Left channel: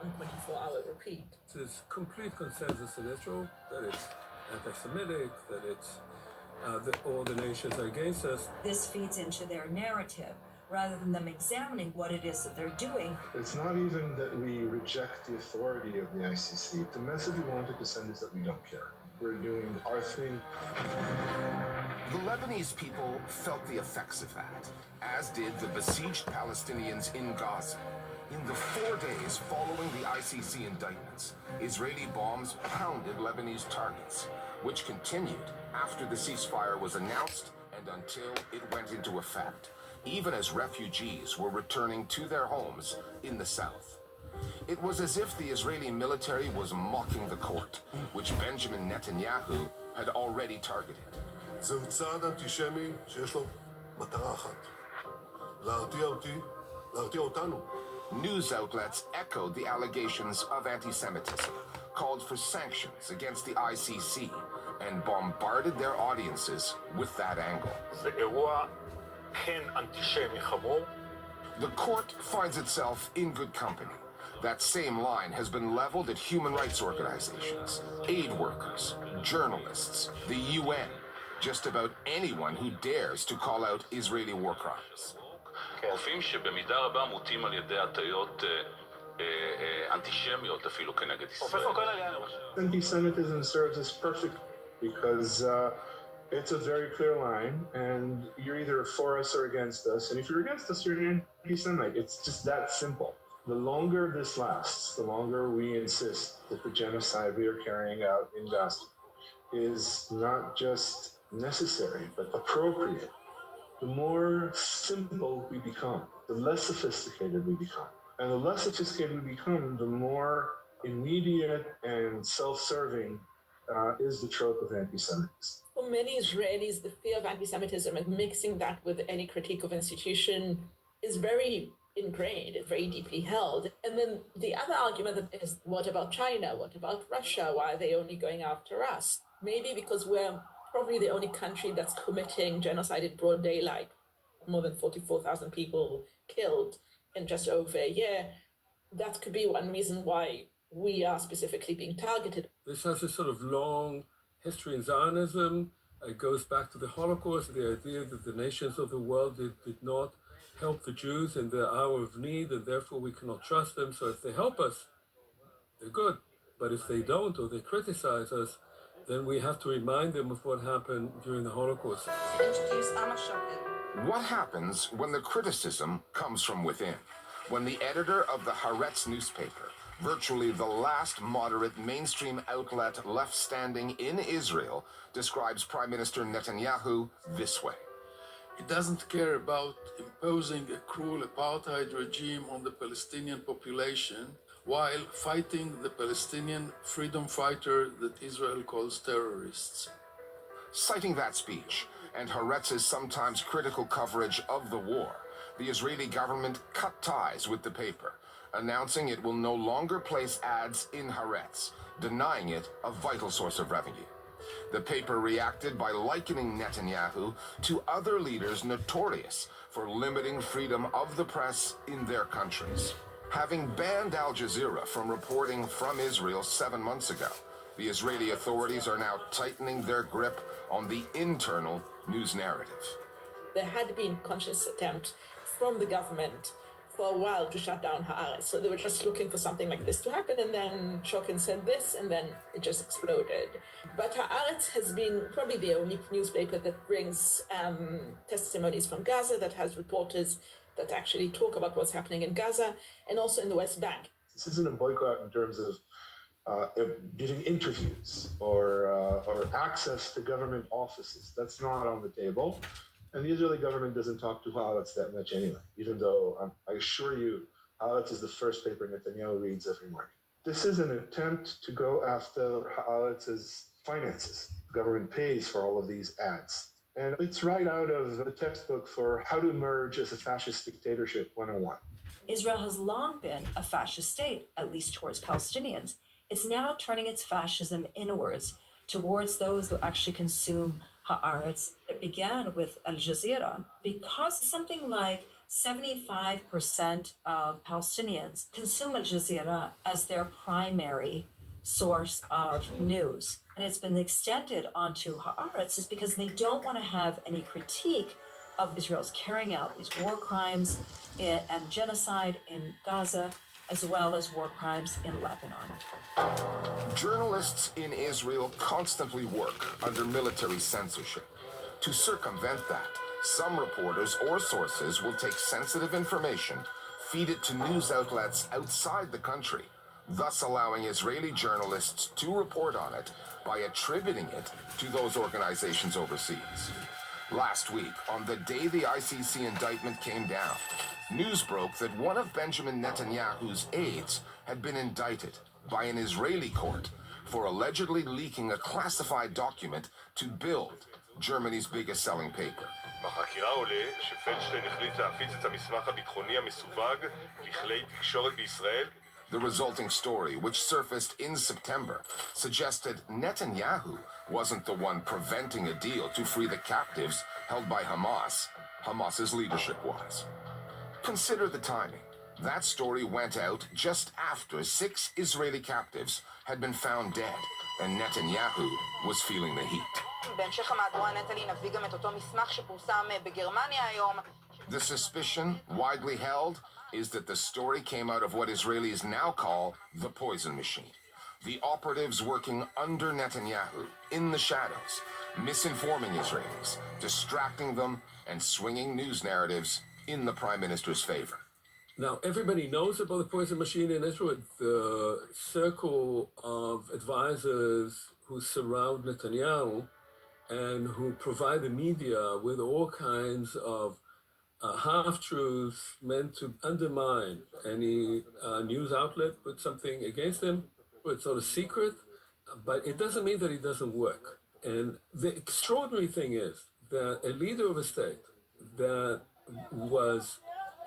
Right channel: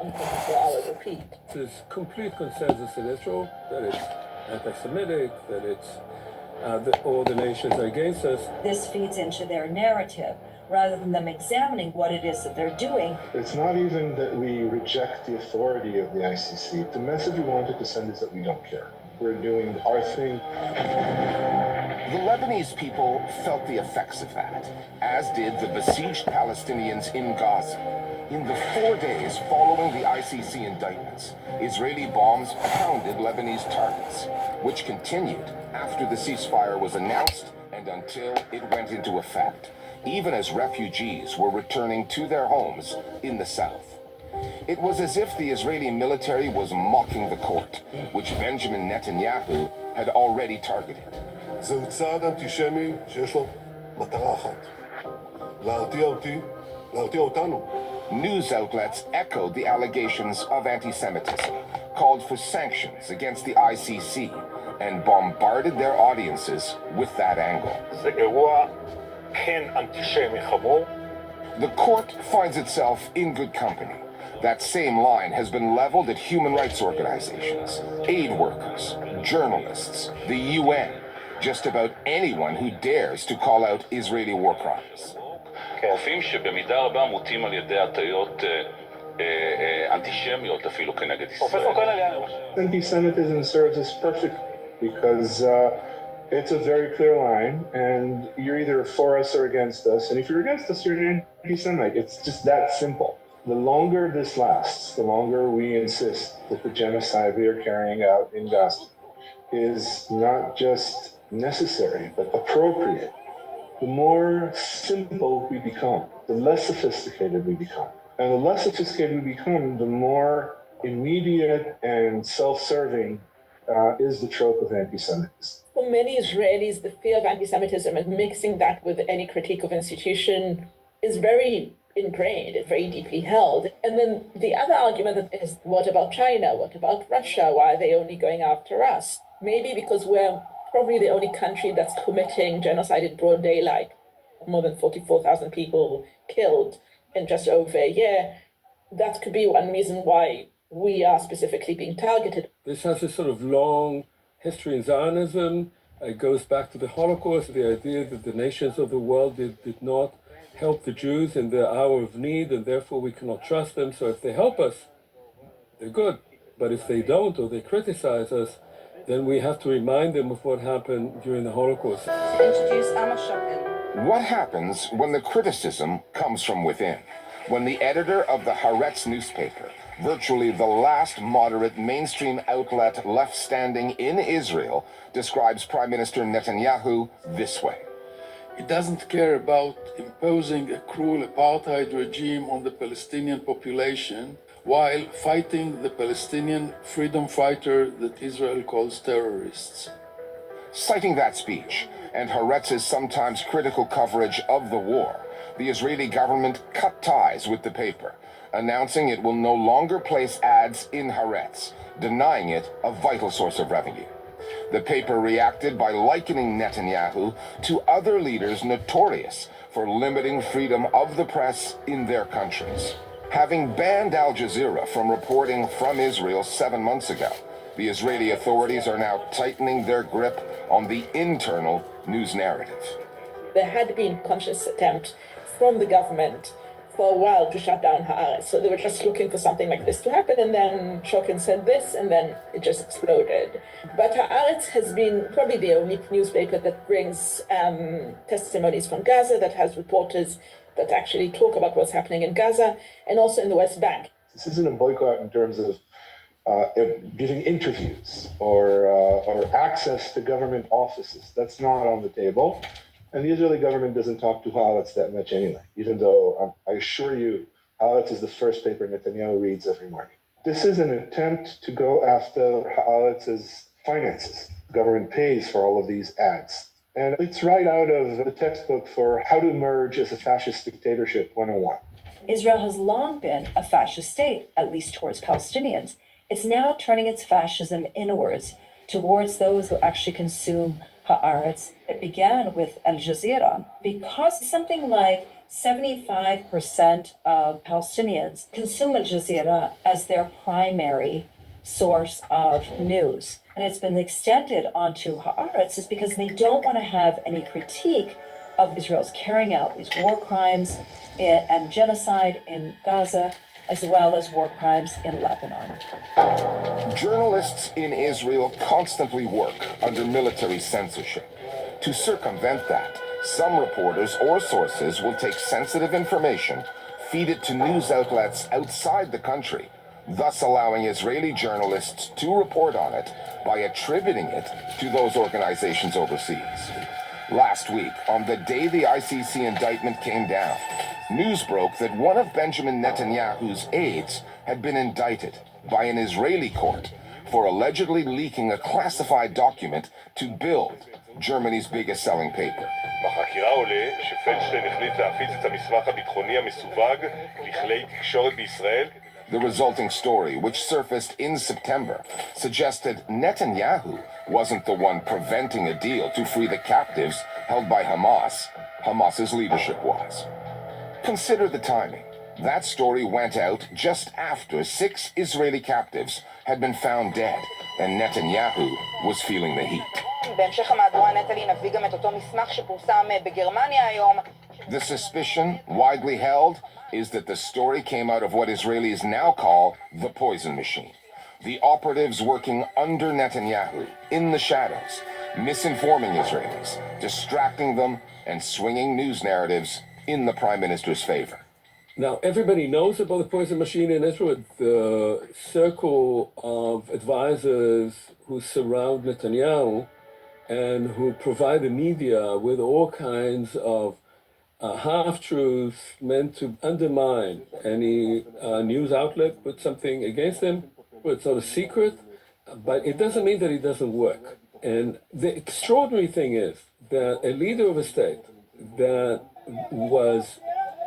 on 24-hour repeat. There's complete consensus in Israel that it's anti-Semitic, that it's all the nations are against us. This feeds into their narrative rather than them examining what it is that they're doing. It's not even that we reject the authority of the ICC. The message we wanted to send is that we don't care. We're doing our thing. The Lebanese people felt the effects of that, as did the besieged Palestinians in Gaza. In the 4 days following the ICC indictments, Israeli bombs pounded Lebanese targets, which continued after the ceasefire was announced and until it went into effect, even as refugees were returning to their homes in the south. It was as if the Israeli military was mocking the court, which Benjamin Netanyahu had already targeted. זהו צעד אנטישמי שיש לו מטרה אחת, להרתיע אותנו. News outlets echoed the allegations of anti-Semitism, called for sanctions against the ICC, and bombarded their audiences with that angle. זה אירוע כן אנטישמי חמור. The court finds itself in good company. That same line has been leveled at human rights organizations, aid workers, journalists, the UN, just about anyone who dares to call out Israeli war crimes. רופאים שבמידה רבה מוטים על ידי הטיות אנטישמיות אפילו כנגד ישראל. Anti-Semitism serves us perfectly because it's a very clear line, and you're either for us or against us. And if you're against us, you're an anti-Semite. It's just that simple. The longer this lasts, the longer we insist that the genocide we are carrying out in Gaza is not just necessary, but appropriate. The more simple we become, the less sophisticated we become. And the less sophisticated we become, the more immediate and self-serving is the trope of anti-Semitism. For many Israelis, the fear of anti-Semitism and mixing that with any critique of institution is very ingrained, it's very deeply held. And then the other argument is, what about China? What about Russia? Why are they only going after us? Maybe because we're probably the only country that's committing genocide in broad daylight. More than 44,000 people killed in just over a year. That could be one reason why we are specifically being targeted. This has a sort of long history in Zionism. It goes back to the Holocaust, the idea that the nations of the world did not help the Jews in their hour of need, and therefore we cannot trust them. So if they help us, they're good. But if they don't, or they criticize us, then we have to remind them of what happened during the Holocaust. What happens when the criticism comes from within? When the editor of the Haaretz newspaper, virtually the last moderate mainstream outlet left standing in Israel, describes Prime Minister Netanyahu this way. He doesn't care about imposing a cruel apartheid regime on the Palestinian population while fighting the Palestinian freedom fighter that Israel calls terrorists. Citing that speech and Haaretz's sometimes critical coverage of the war, the Israeli government cut ties with the paper, announcing it will no longer place ads in Haaretz, denying it a vital source of revenue. The paper reacted by likening Netanyahu to other leaders notorious for limiting freedom of the press in their countries. Having banned Al Jazeera from reporting from Israel 7 months ago, the Israeli authorities are now tightening their grip on the internal news narrative. There had been a conscious attempt from the government for a while to shut down Haaretz. So they were just looking for something like this to happen, and then Shokin said this, and then it just exploded. But Haaretz has been probably the only newspaper that brings testimonies from Gaza, that has reporters that actually talk about what's happening in Gaza and also in the West Bank. This isn't a boycott in terms of giving interviews or access to government offices. That's not on the table. And the Israeli government doesn't talk to Haaretz that much anyway, even though I assure you, Haaretz is the first paper Netanyahu reads every morning. This is an attempt to go after Haaretz's finances. The government pays for all of these ads. And it's right out of the textbook for how to emerge as a fascist dictatorship 101. Israel has long been a fascist state, at least towards Palestinians. It's now turning its fascism inwards towards those who actually consume Haaretz. It began with Al Jazeera because something like 75% of Palestinians consume Al Jazeera as their primary source of news. And it's been extended onto Haaretz is because they don't want to have any critique of Israel's carrying out these war crimes and genocide in Gaza, as well as war crimes in Lebanon. Journalists in Israel constantly work under military censorship. To circumvent that, some reporters or sources will take sensitive information, feed it to news outlets outside the country, thus allowing Israeli journalists to report on it by attributing it to those organizations overseas. Last week, on the day the ICC indictment came down, news broke that one of Benjamin Netanyahu's aides had been indicted by an Israeli court for allegedly leaking a classified document to Bild, Germany's biggest selling paper. בחקירה עולה שפלדשטיין החליט להפיץ את המסמך הביטחוני המסווג לכלי תקשורת בישראל. The resulting story, which surfaced in September, suggested Netanyahu wasn't the one preventing a deal to free the captives held by Hamas. Hamas's leadership was. Consider the timing. That story went out just after 6 Israeli captives had been found dead, and Netanyahu was feeling the heat. The suspicion, widely held, is that the story came out of what Israelis now call the poison machine. The operatives working under Netanyahu, in the shadows, misinforming Israelis, distracting them, and swinging news narratives in the Prime Minister's favor. Now, everybody knows about the poison machine in Israel. The circle of advisors who surround Netanyahu and who provide the media with all kinds of half-truths meant to undermine any news outlet, put something against him. It's not a secret, but it doesn't mean that it doesn't work. And the extraordinary thing is that a leader of a state that was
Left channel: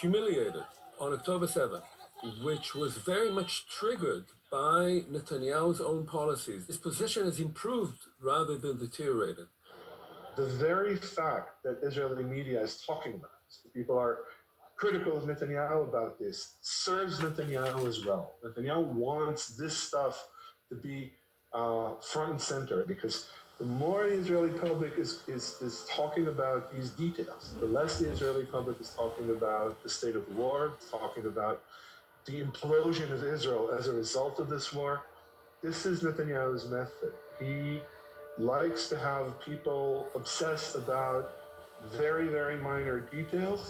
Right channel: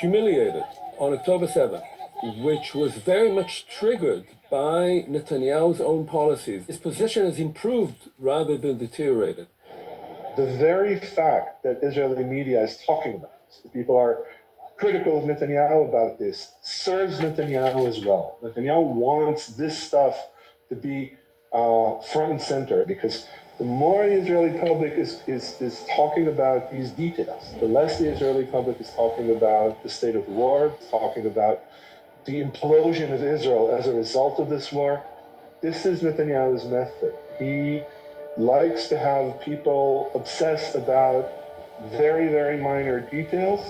humiliated on October 7th, which was very much triggered by Netanyahu's own policies, his position has improved rather than deteriorated. The very fact that Israeli media is talking about this, people are critical of Netanyahu about this, serves Netanyahu as well. Netanyahu wants this stuff to be front and center, because the more the Israeli public is talking about these details, the less the Israeli public is talking about the state of war, talking about the implosion of Israel as a result of this war. This is Netanyahu's method. He likes to have people obsessed about very, very minor details,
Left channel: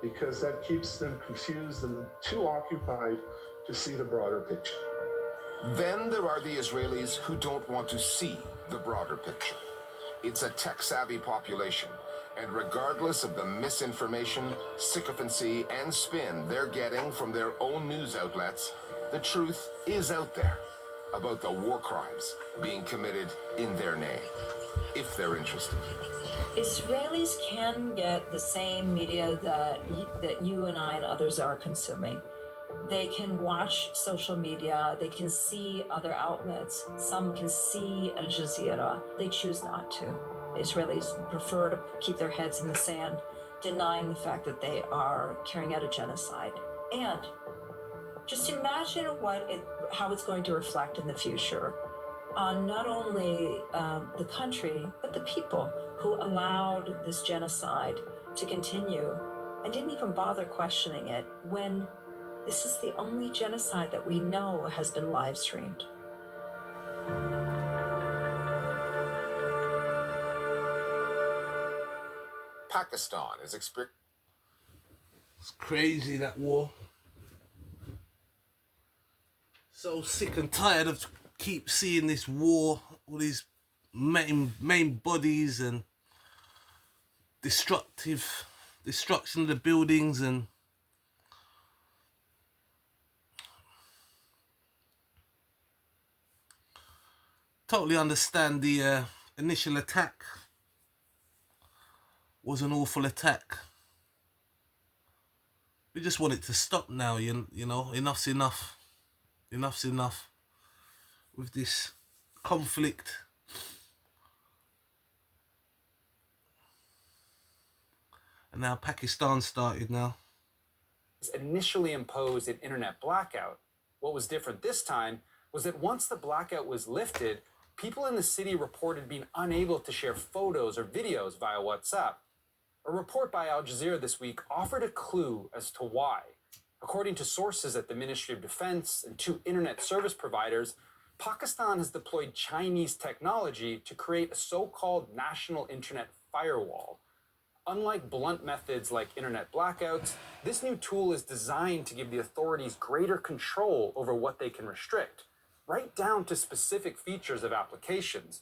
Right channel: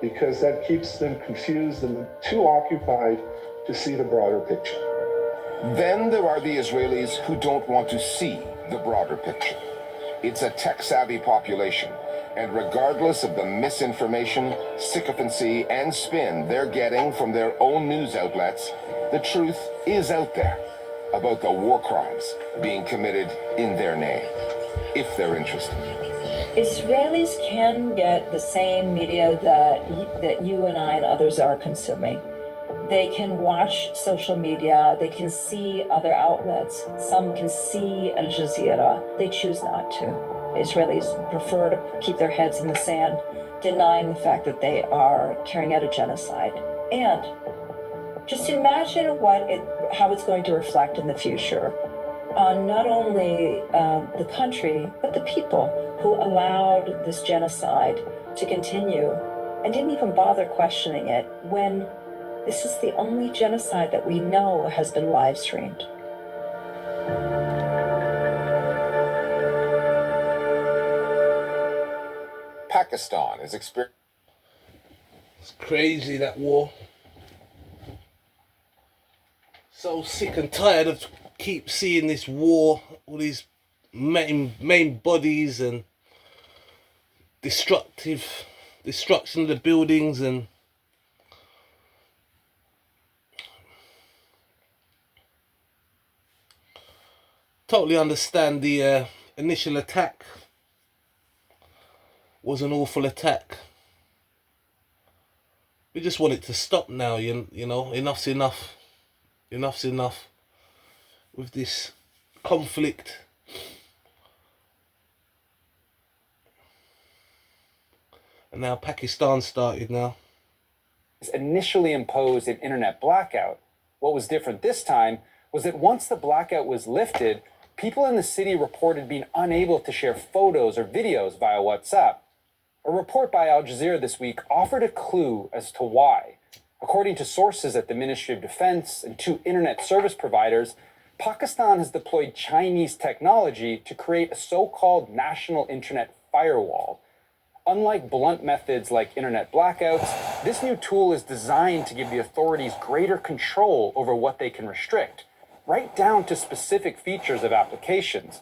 because that keeps them confused and too occupied to see the broader picture. Then there are the Israelis who don't want to see the broader picture. It's a tech-savvy population, and regardless of the misinformation, sycophancy, and spin they're getting from their own news outlets, the truth is out there about the war crimes being committed in their name, if they're interested. Israelis can get the same media that you and I and others are consuming. They can watch social media, they can see other outlets, some can see Al Jazeera, they choose not to. Israelis prefer to keep their heads in the sand, denying the fact that they are carrying out a genocide. And just imagine how it's going to reflect in the future on not only the country, but the people who allowed this genocide to continue and didn't even bother questioning it when this is the only genocide that we know has been live streamed. Pakistan is experiencing. It's crazy, that war. So sick and tired of keep seeing this war, all these main bodies and destruction of the buildings, and totally understand the initial attack was an awful attack. We just want it to stop now, you know, enough's enough. Enough's enough with this conflict. And now Pakistan started now. Initially imposed an internet blackout. What was different this time was that once the blackout was lifted, people in the city reported being unable to share photos or videos via WhatsApp. A report by Al Jazeera this week offered a clue as to why. According to sources at the Ministry of Defense and 2 internet service providers, Pakistan has deployed Chinese technology to create a so-called national internet firewall. Unlike blunt methods like internet blackouts, this new tool is designed to give the authorities greater control over what they can restrict, right down to specific features of applications.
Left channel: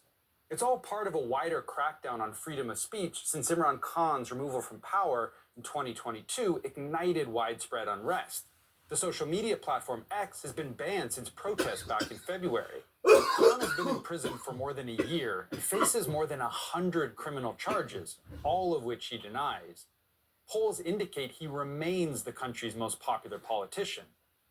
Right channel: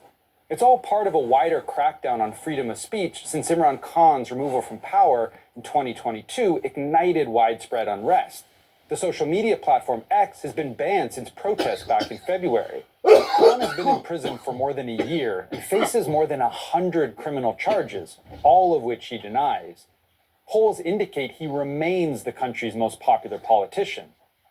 It's all part of a wider crackdown on freedom of speech since Imran Khan's removal from power in 2022 ignited widespread unrest. The social media platform X has been banned since protests back in February. Khan has been in prison for more than a year and faces more than 100 criminal charges, all of which he denies. Polls indicate he remains the country's most popular politician.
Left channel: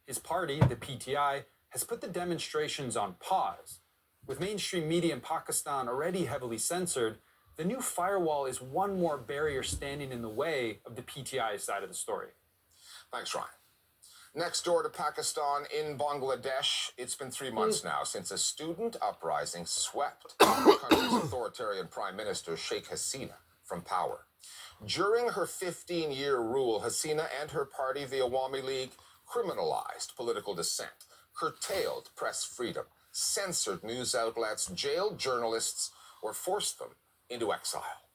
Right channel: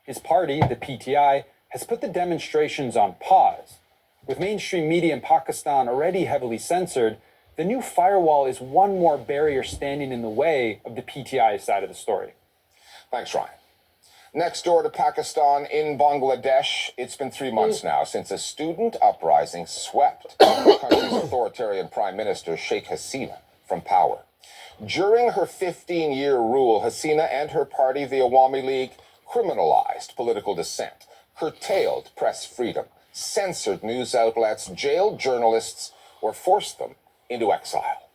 His party, the PTI, has put the demonstrations on pause. With mainstream media in Pakistan already heavily censored, the new firewall is one more barrier standing in the way of the PTI side of the story. Thanks, Ryan. Next door to Pakistan, in Bangladesh, it's been 3 months now since a student uprising swept the country's authoritarian Prime Minister, Sheikh Hasina, from power. During her 15-year rule, Hasina and her party, the Awami League, criminalized political dissent, curtailed press freedom, censored news outlets, jailed journalists, or forced them into exile.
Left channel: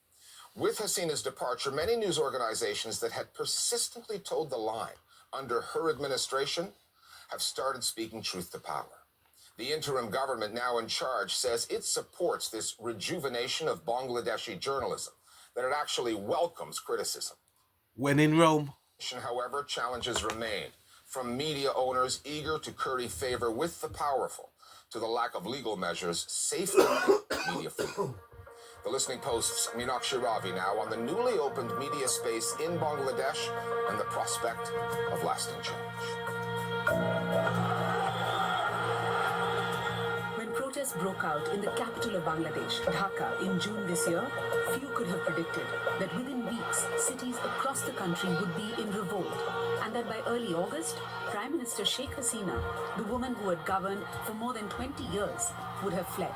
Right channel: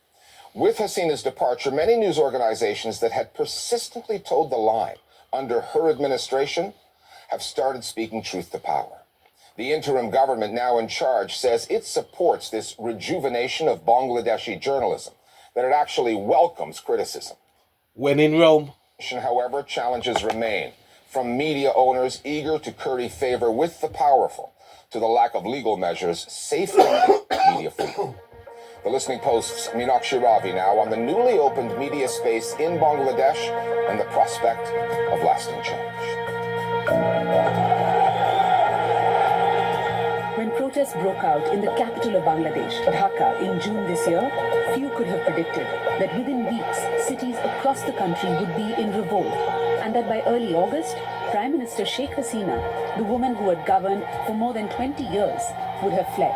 With Hasina's departure, many news organizations that had persistently toed the line under her administration have started speaking truth to power. The interim government now in charge says it supports this rejuvenation of Bangladeshi journalism, that it actually welcomes criticism. When in Rome. However, challenges remain, from media owners eager to curry favor with the powerful to the lack of legal measures safeguarding media freedom. The Listening Post's Meenakshi Ravi now on the newly opened media space in Bangladesh and the prospect of lasting change. When protests broke out in the capital of Bangladesh, Dhaka, in June this year, few could have predicted that within weeks, cities across the country would be in revolt, and that by early August, Prime Minister Sheikh Hasina, the woman who had governed for more than 20 years, would have fled.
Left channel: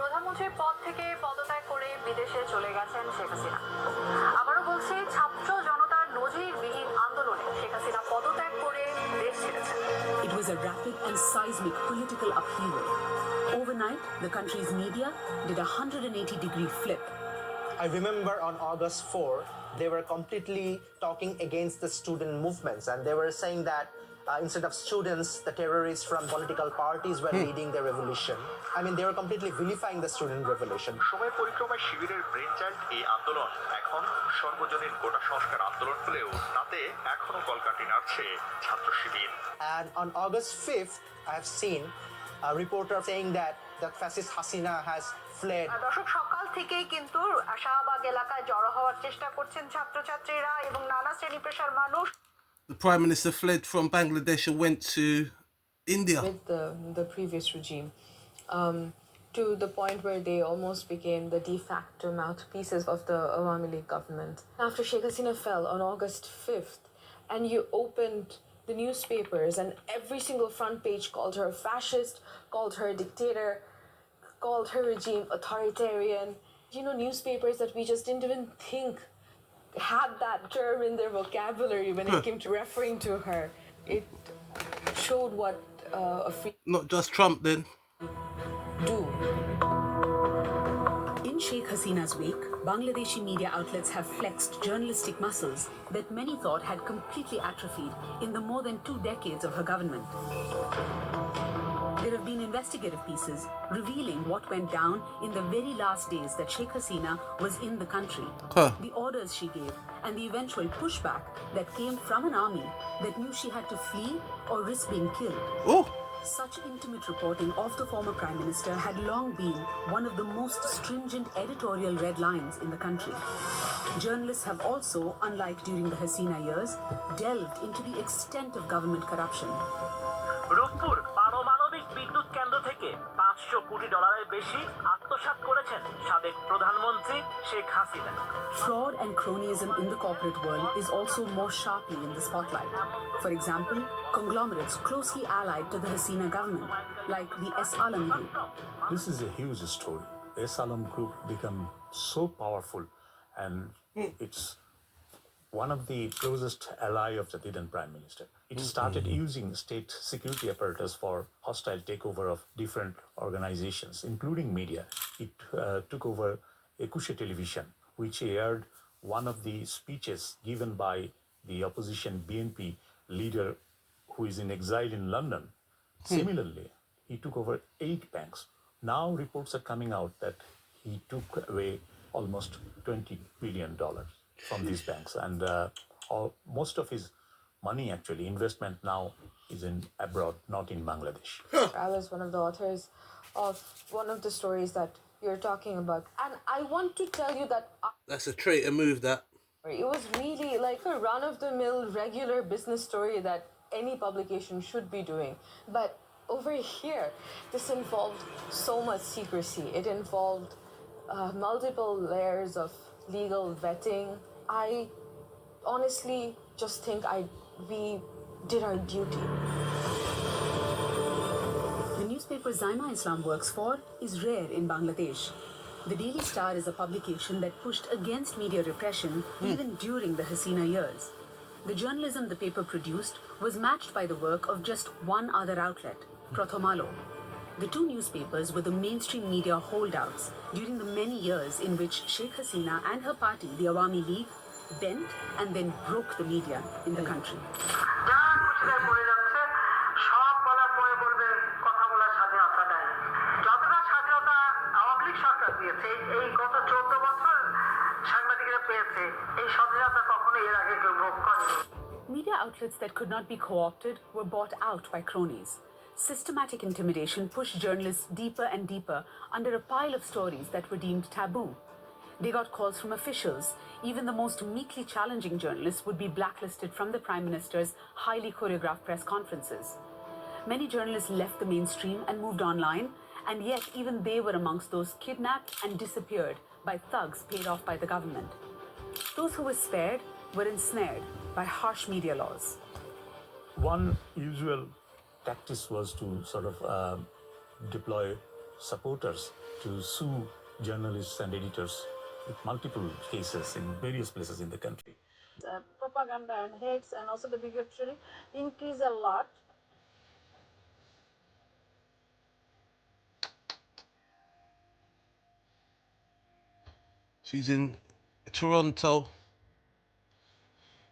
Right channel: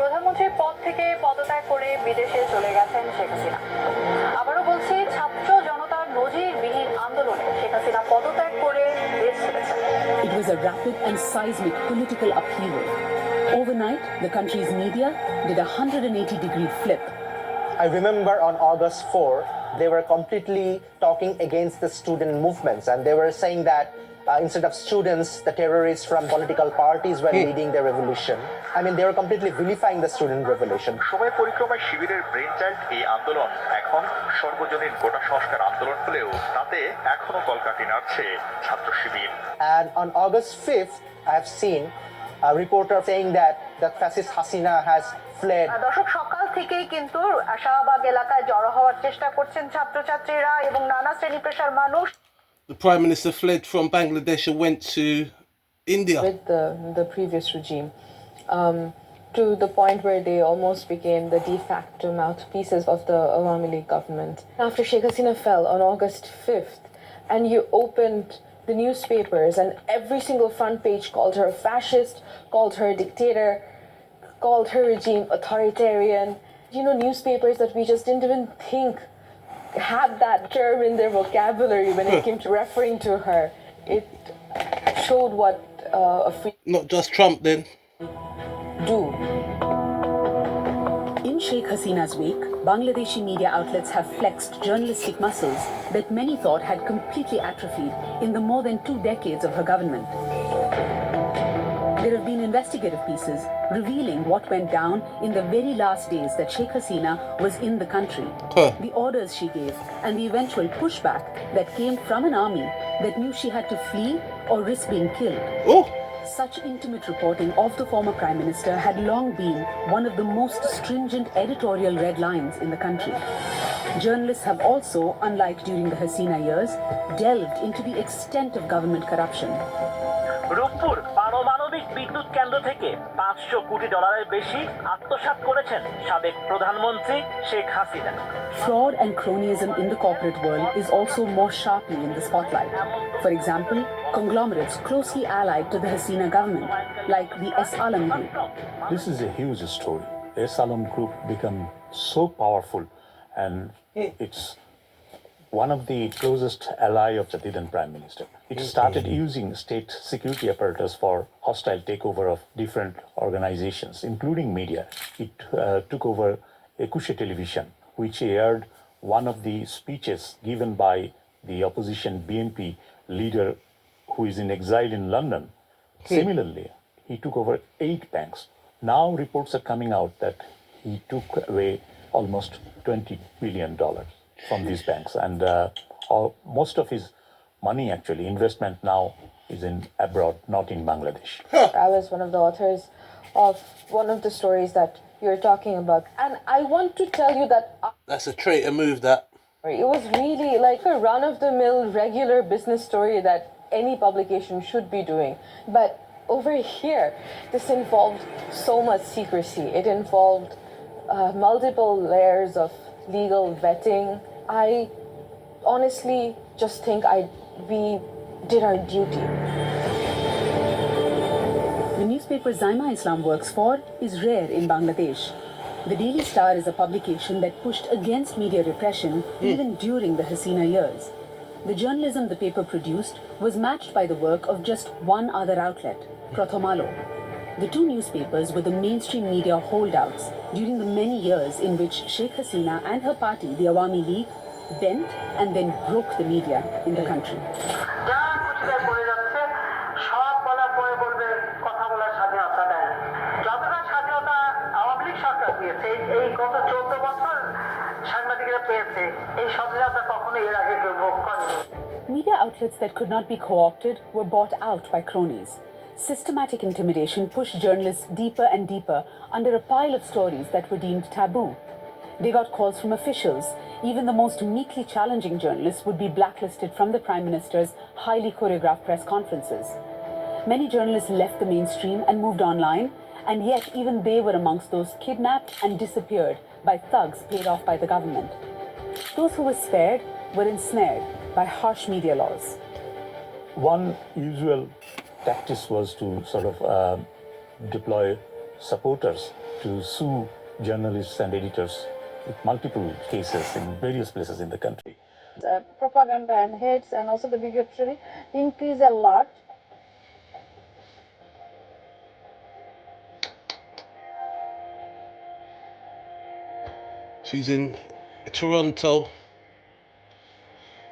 প্রধানমন্ত্রীর পদ থেকে পদত্যাগ করে বিদেশে চলে গেছেন শেখ হাসিনা। আবারও বলছি, ছাত্র জনতার নজিরবিহীন আন্দোলনে শেখ হাসিনা পদত্যাগ করে দেশ ছেড়েছেন। It was a rapid and seismic political upheaval. Overnight, the country's media did a 180-degree flip. I remember on August 4, they were completely talking against the student movements, and they were saying that instead of students, the terrorists from political parties were leading the revolution. I mean, they were completely vilifying the student revolution. সময় পরিক্রমায় শিবিরের brain child এই আন্দোলন এখন সর্বজনীন কোটা সংস্কার আন্দোলন হলেও তাতে এখনো কলকাঠি নাড়ছে ছাত্র শিবির। And on August 5th, I have seen a reporter saying that fascist Hasina has fled. দর্শক, সকাল থেকেই কিন্তু শাহবাগ এলাকায় জড়ো হওয়ার চেষ্টা করছেন ছাত্রছাত্রীরা এবং নানা শ্রেণী পেশার মানুষ। The Prime Minister fled from Bangladesh and went to India. With the previous regime, to the point where they almost became the de facto mouthpieces of the Awami League government. After Sheikh Hasina fell on August 5th, and you opened the newspapers and every single front page called her a fascist, called her a dictator, called her regime authoritarian. You know, newspapers that we just didn't even think had that term in their vocabulary when it came to referring to her. It showed what a free... Not just Trump then. Do. In Sheikh Hasina's wake, Bangladeshi media outlets have flexed journalistic muscles that many thought had completely atrophied in the more than 2 decades of her government. There have been investigative pieces revealing what went down in the very last days that Sheikh Hasina was in the country. The orders she gave and the eventual pushback that came from an army that knew she had to flee or risk being killed. Such intimate reporting of the former Prime Minister had long been one of the most stringent editorial red lines in the country. Journalists have also, unlike during the Hasina years, delved into the extent of government corruption. Rooppur পারমাণবিক বিদ্যুৎ কেন্দ্র থেকে $500 কোটি বেশি আত্মসাৎ করেছেন সাবেক প্রধানমন্ত্রী Sheikh Hasina. Fraud and cronyism in the corporate world is also more sharply in the spotlight. For example, conglomerates closely allied to the Hasina government, like the S. Alam Group. This is a huge story. S. Alam Group became so powerful, and it's one of the closest ally of the then Prime Minister. It started using state security apparatus for hostile takeover of different organizations, including media. It took over Ekushe Television, which aired one of the speeches given by the opposition BNP leader who is in exile in London. Similarly, he took over 8 banks. Now reports are coming out that he took away almost $20 billion from these banks, and most of his money, actually, investment now is in abroad, not in Bangladesh. I was one of the authors of one of the stories that you're talking about, and I want to tell you that That's a traitor move, that. it was really like a run-of-the-mill regular business story that any publication should be doing. But over here, this involved so much secrecy. It involved multiple layers of legal vetting. I honestly just think we did our duty. The newspaper Zaima Islam works for is rare in Bangladesh. The Daily Star is a publication that pushed against media repression even during the Hasina years. The journalism the paper produced was matched by the work of just one other outlet, Prothomalo. The two newspapers were the mainstream media holdouts during the many years in which Sheikh Hasina and her party, the Awami League, bent and then broke the media in the country. Media outlets that could not be co-opted were bought out by cronies. Systematic intimidation pushed journalists deeper and deeper under a pile of stories that were deemed taboo. They got calls from officials. Even the most meekly challenging journalists would be blacklisted from the Prime Minister's highly choreographed press conferences. Many journalists left the mainstream and moved online, and yet even they were amongst those kidnapped and disappeared by thugs paid off by the government. Those who were spared were ensnared by harsh media laws. One usual tactic was to sort of deploy supporters to sue journalists and editors with multiple cases in various places in the country. Propaganda and hates and also the bigotry increase a lot. She's in Toronto,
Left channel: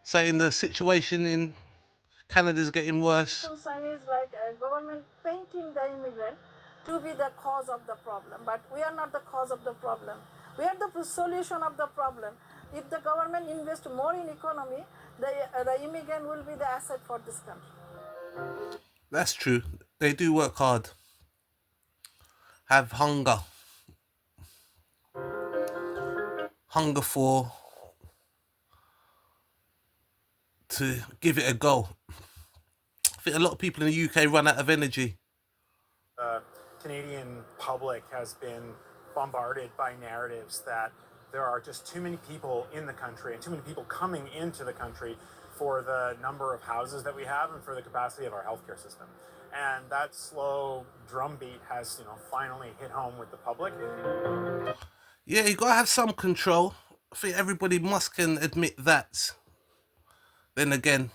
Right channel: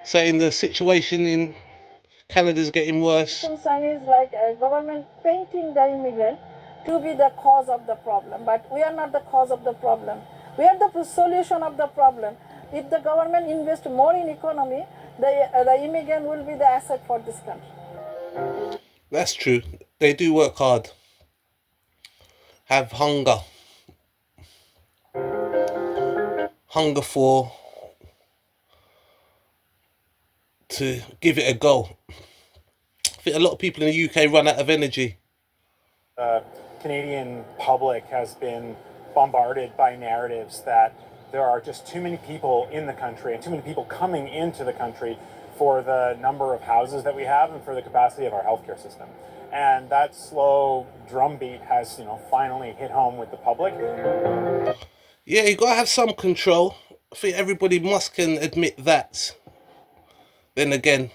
saying the situation in Canada's getting worse. Concern is like a government painting the immigrant to be the cause of the problem, but we are not the cause of the problem. We are the solution of the problem. If the government invests more in economy, the immigrant will be the asset for this country. That's true. They do work hard. Have hunger. Hunger to give it a go. I think a lot of people in the UK run out of energy. The Canadian public has been bombarded by narratives that there are just too many people in the country and too many people coming into the country for the number of houses that we have and for the capacity of our healthcare system. And that slow drumbeat has, finally hit home with the public. Yeah, you got to have some control. I think everybody can admit that. Then again,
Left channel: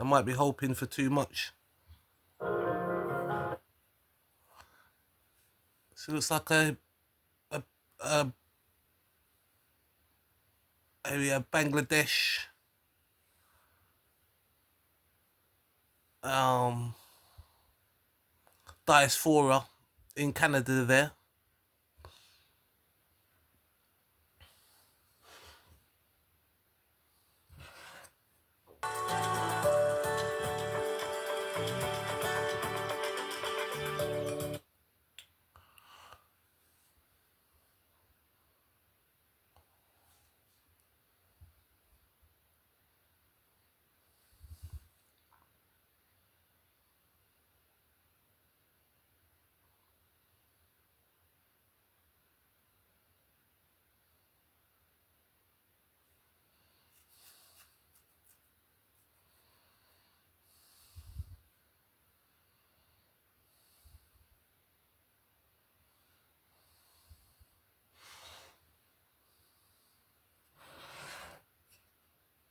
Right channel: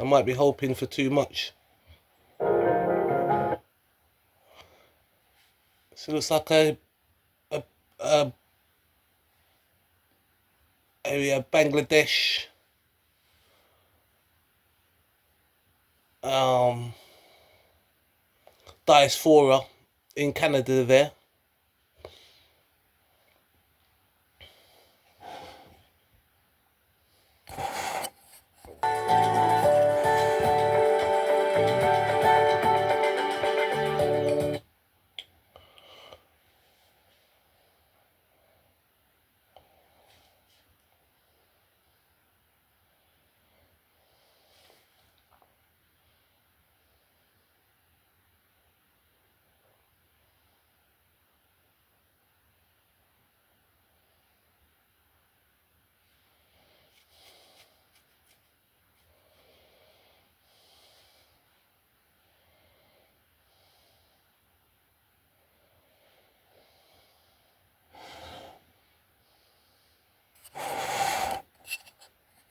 I might be hoping for too much. So it looks like a Bangladesh diaspora in Canada there.